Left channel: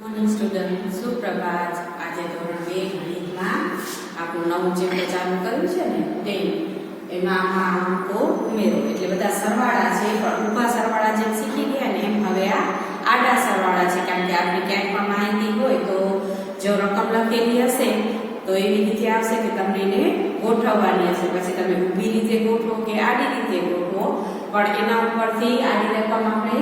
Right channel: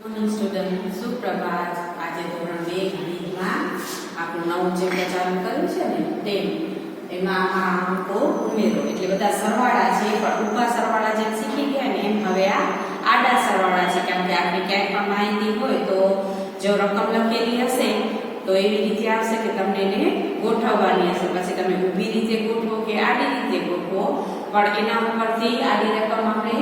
Morning student, સુપ્રભાત. આજે ધોરણ 2 ગણિતમાં આપણું નવું ચેપ્ટર ચાલુ કર્યું છે ને તે એમાં અંકો ઉમેરો એટલે બધા સરવાળા છે, પણ ઊભા સરવાળા જેમ શીખી ગયા ને એમ હવે આ આડા સરવાળા છે. કારણ કે આપણે ક્યાંય પણ માહિતી હોય તો જો રકમ લખેલી હશે તો એવી રીતે આવશે કે તમને એને ગોઠવવાની હશે. પછી તમે ઊભી રીતે ગોઠવો કે આડી રીતે ગોઠવો, પણ એના ઉપરથી આડી રકમ આપણે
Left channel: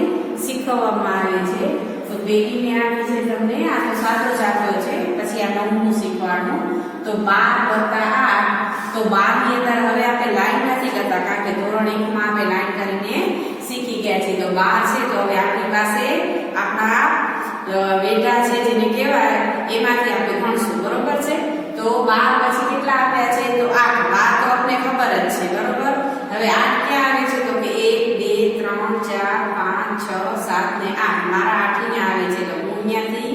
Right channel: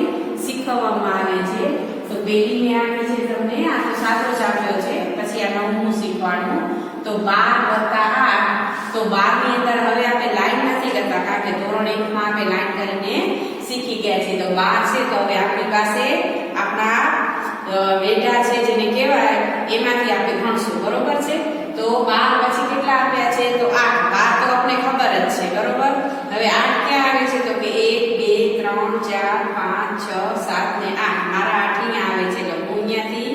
શીખવવામાં આવે છે. તો બેટીને આપી છે તમને આ તો સાચો ચાર્જો છે, પછી આ નવમું શીખવાનું. તો 12 + 8 તો 12 ની અંદર હવે આપણે લાઈન નથી કરતા, કારણ કે ધોરણ 1 માં આપણે લાઈન કરીને શીખી ગયા છીએ. તો 12 છે તો હવે આપણી પાસે આપણા બેટા છે જેને કહેવાય એમાંથી આપણે ગણશું, બરોબર છે. તો 12 પછી કેટલા આપ્યા છે તો 8. 12 તો આપણે ખબર જ છે, બરોબર. હવે 8 ક્યાં આવે છે તો કે 1 2 3 4 5 6 7 ને 8. મારા 8 અહીંયા આવે છે તો હું અહીંયાથી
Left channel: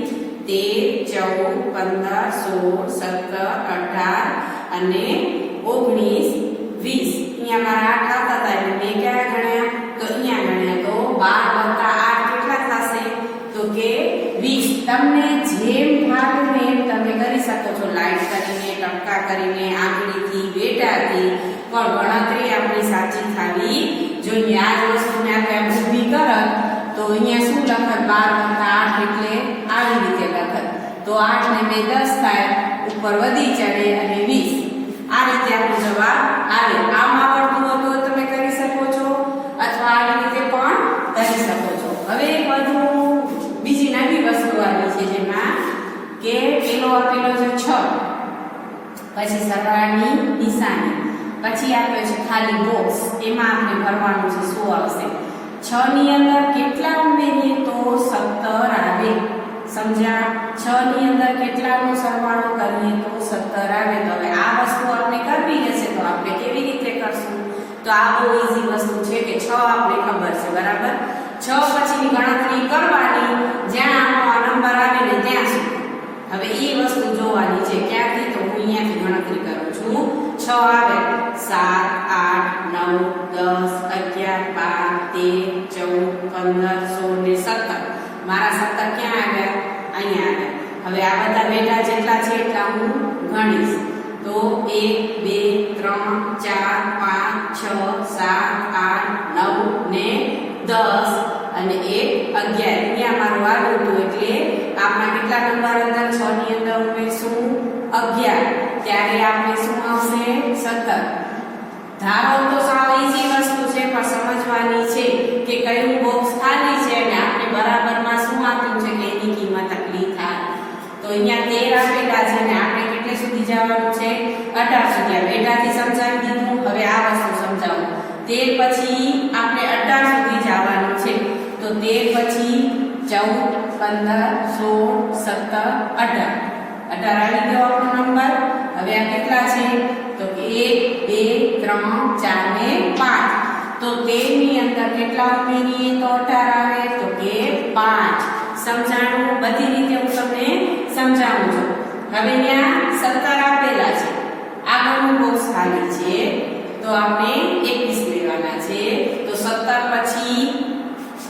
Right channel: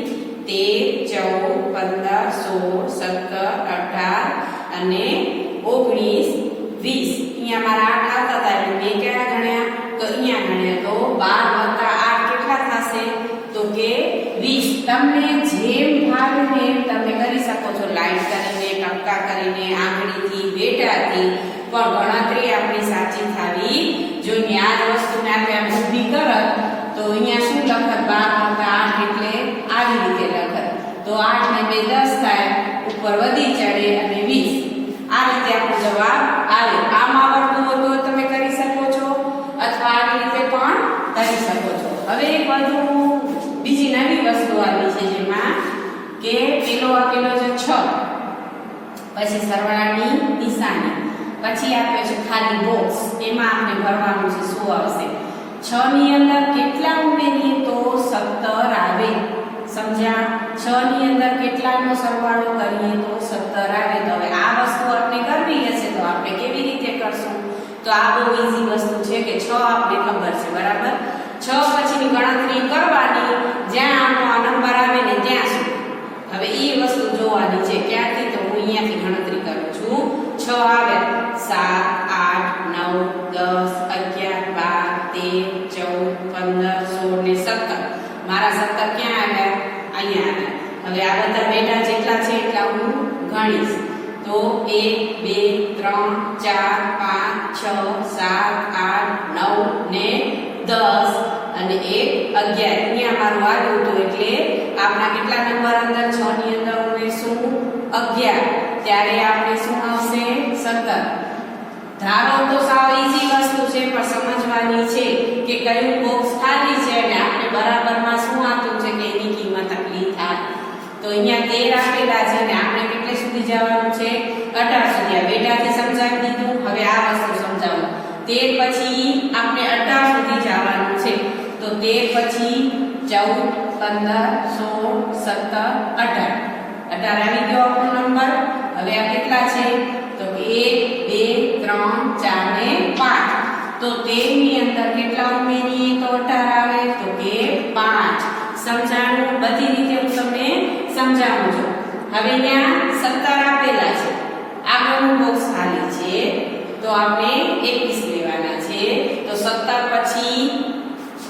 13 14 15 16 17 18 અને 19 20 અહીંયા મારા 8 આવતા હતા એટલે મેં ક્યારે ગણ્યા તો અહીંયા ગણ્યા. તો 12 + 8 કેટલા થશે તો કે 20. તમને જેમ ભાવે ને એમ તમે કરી શકો છો, લાઈન કરીને, ટપકા કરીને, આંગળીથી, બેટાથી, પણ ગણતરી આપણી સાચી થવી જોઈએ. આ વસ્તુને આપણે આમ ઊભી કરત તો અહીંયા શું લખત 12 + 8 એટલે આવી રીતે લખત. તો 8 ને 2 10 થાય, ઉપર વધી ચડે અને 20. આ રીતે આપણો જવાબ આવે. આમ આવડતું હોય તો તમે કરી શકો છો, અથવા આવી રીતે પણ કરી શકો છો. હવે બધું બીજી નવી વસ્તુ આવી છે જેમાં કે પેલો આપેલો છે 6, પછી સરવાળાની નિશાની, પછી આપ્યો છે ખાલી બોક્સ, એમાં આપણે ભરવાનું છે શું આવશે. 6 ની અંદર કેટલા ઉમેરીએ તો 17 આવે. સમજ્યા? 6 ની અંદર કેટલાનો સરવાળો કરીએ તો 17 આવે. તો હવે આ વસ્તુ આપણે કરવી હશે તો આપણે કેવી રીતે કરશું? તો આ બહુ ઈઝી વસ્તુ છે કે 6 આપણે ખબર છે, બરાબર. 6 પછીની ગણતરી કરવાની જ્યાં આનો નંબર આવે ને ત્યાં સુધી. હવે એ વસ્તુ જોવાની છે ક્યાંથી તો હું અહીંયાથી ગણતરી કરું છું. 6 આવે 7 8 9 10 11 12 13 14 15 16 ને 17. મારા 17 ક્યાં આવ્યા? અહીંયા આવ્યા. હવે આ બધા બેટા જેટલા છે એટલા હું ગણીશ. તો 1 2 3 4 5 6 7 8 9 ને 10 અને 1 11. અહીંયા મારું આડું હતું એટલે આપણા કેટલા નંબર અંદર 6 ની અંદર ઉમેરશું 11. ત્યારે આપણે શું આવશે 17. ધારો તો સાવ ઈઝી વસ્તુ છે, પણ સમજવાની છે કે કયું બોક્સ ખાલી છે અને આપણે બરાબરમાં શું આપ્યું છે કે એની કિંમત આટલી થાય. તો અહીંયા 13 આપેલા છે અને આપણે કેટલે સુધી જવાનું છે 18 સુધી. આ બેટાથી સમજાવી દીધું. હવે આ વસ્તુ સમજાવું. 13 પછી આપણે 18 સુધી જવાનું છે. તો 13 પછી 14 15 16 17 18. 18 આવી ગયો આપણો નંબર. હવે આ કેટલા છે તો કે 1 2 3 4 ને 5. તો 13 ની અંદર કેટલા ઉમેરીએ તો 18 આવે તો કે 5. સમજાણું? બધી રીતે હું તમને સમજાવું છું. હવે ત્યાં 17 આપેલા છે, આગળનું બોક્સ ખાલી છે તો આપણે 21 લેવાના છે. તો 17 પછી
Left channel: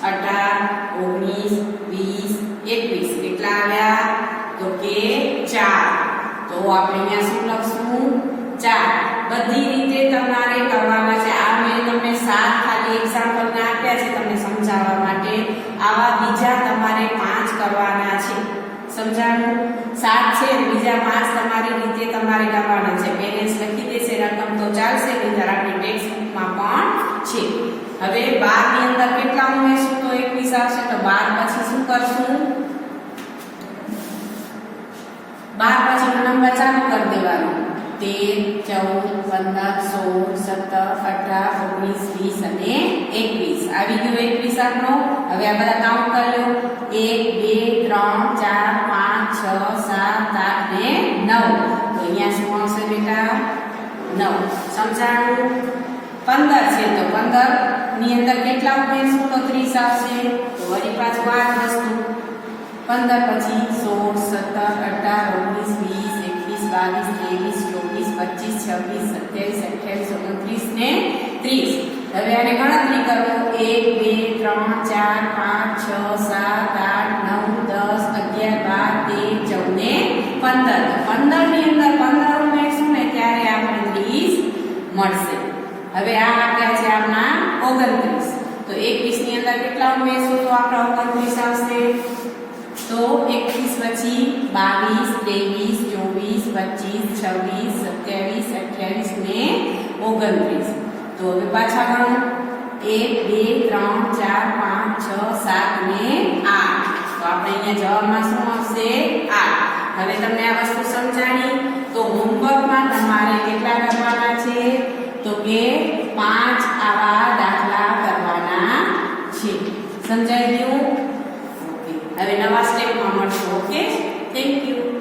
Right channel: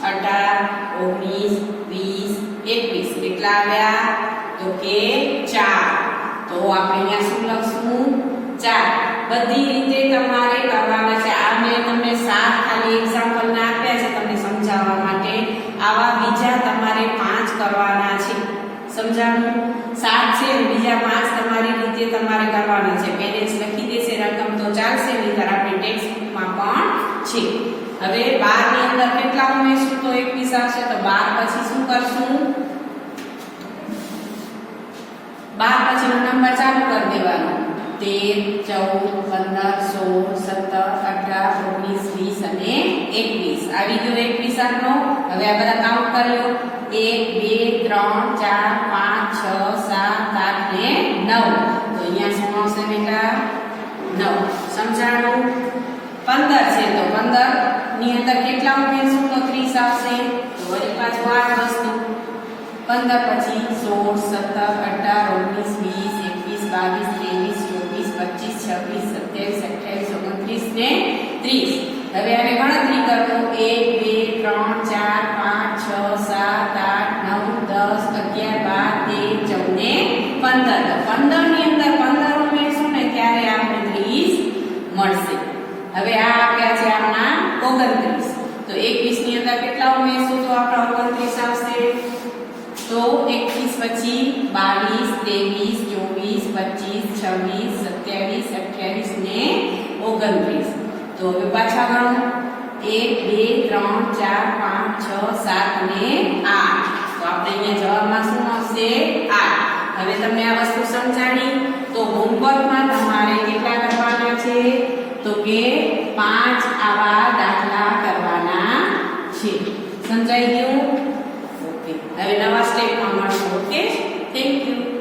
18 19 20 21 કેટલા આવ્યા તો કે 4. તો આપણે અહીંયા શું લખશું 4. બધી રીતે તમારે કરવાના છે. આ મેં તમને 7 ખાલી એક્ઝામ્પલ ને આપ્યા છે તમને સમજાવવા માટે. આવા બીજા તમારે 5 કરવાના છે. સમજાણું? 7 છે, બીજા 5 તમારી રીતે તમારે કરવાના છે. પેરેન્ટ્સ લખી દેશે રકમ તો ચાલશે, નહીંતર આપણે ટેક્સ્ટ બુકમાં પણ છે. હવે 12 ની અંદર કેટલા ઉમેરશું તો 21 આવશે. તો 12 પછી શું કરશું? 12 પછી નંબર ચાલુ કરી દેવાનું. 13 14 15 16 17 18 19 20 અને 21. આવી ગયો 21 આપનો. હવે આ બધા કાઉન્ટ કર્યો 1 2 3 4 5 6 7 8 ને 9. તો અહીંયા શું આવશે બેટા 9. સમજાણું? 15 છે તો 15 ની અંદર કેટલા ઉમેરશું તો 30 આવશે. તો વળી પાછું આ વસ્તુ 15 પછી 16 17 18 19 20 21 22 23 24 25 26 27 28 29 30. હવે આને ગણતરી કરો 1 2 3 4 5 6 7 8 9 10 11 15 ની અંદર 15 ઉમેરશું ને ત્યારે આપણને 30 મળશે. હવે આ આપ્યા છે આપણા 29. તો 21 ની અંદર કેટલા ઉમેરશું તો આપણા 29 આવશે? તો 21 પછી 22, 23, 24, 25, 26, 27, 28 ને 29. તો હવે પાછા ગણો 1, 2, 3, 4, 5, 6, 7 ને 8. તો આપણે અહીંયા જવાબમાં શું આવશે? 8. હવે તમને આ વસ્તુ સમજાણી તો હોમવર્કમાં તમારે કેટલા કરવાના છે? તો કે 5 આવા દાખલા કરવાના છે. સમજાઈ ગયું? ઓકે. હવે નવા સ્ટેપમાં મળશું. Okay, thank you.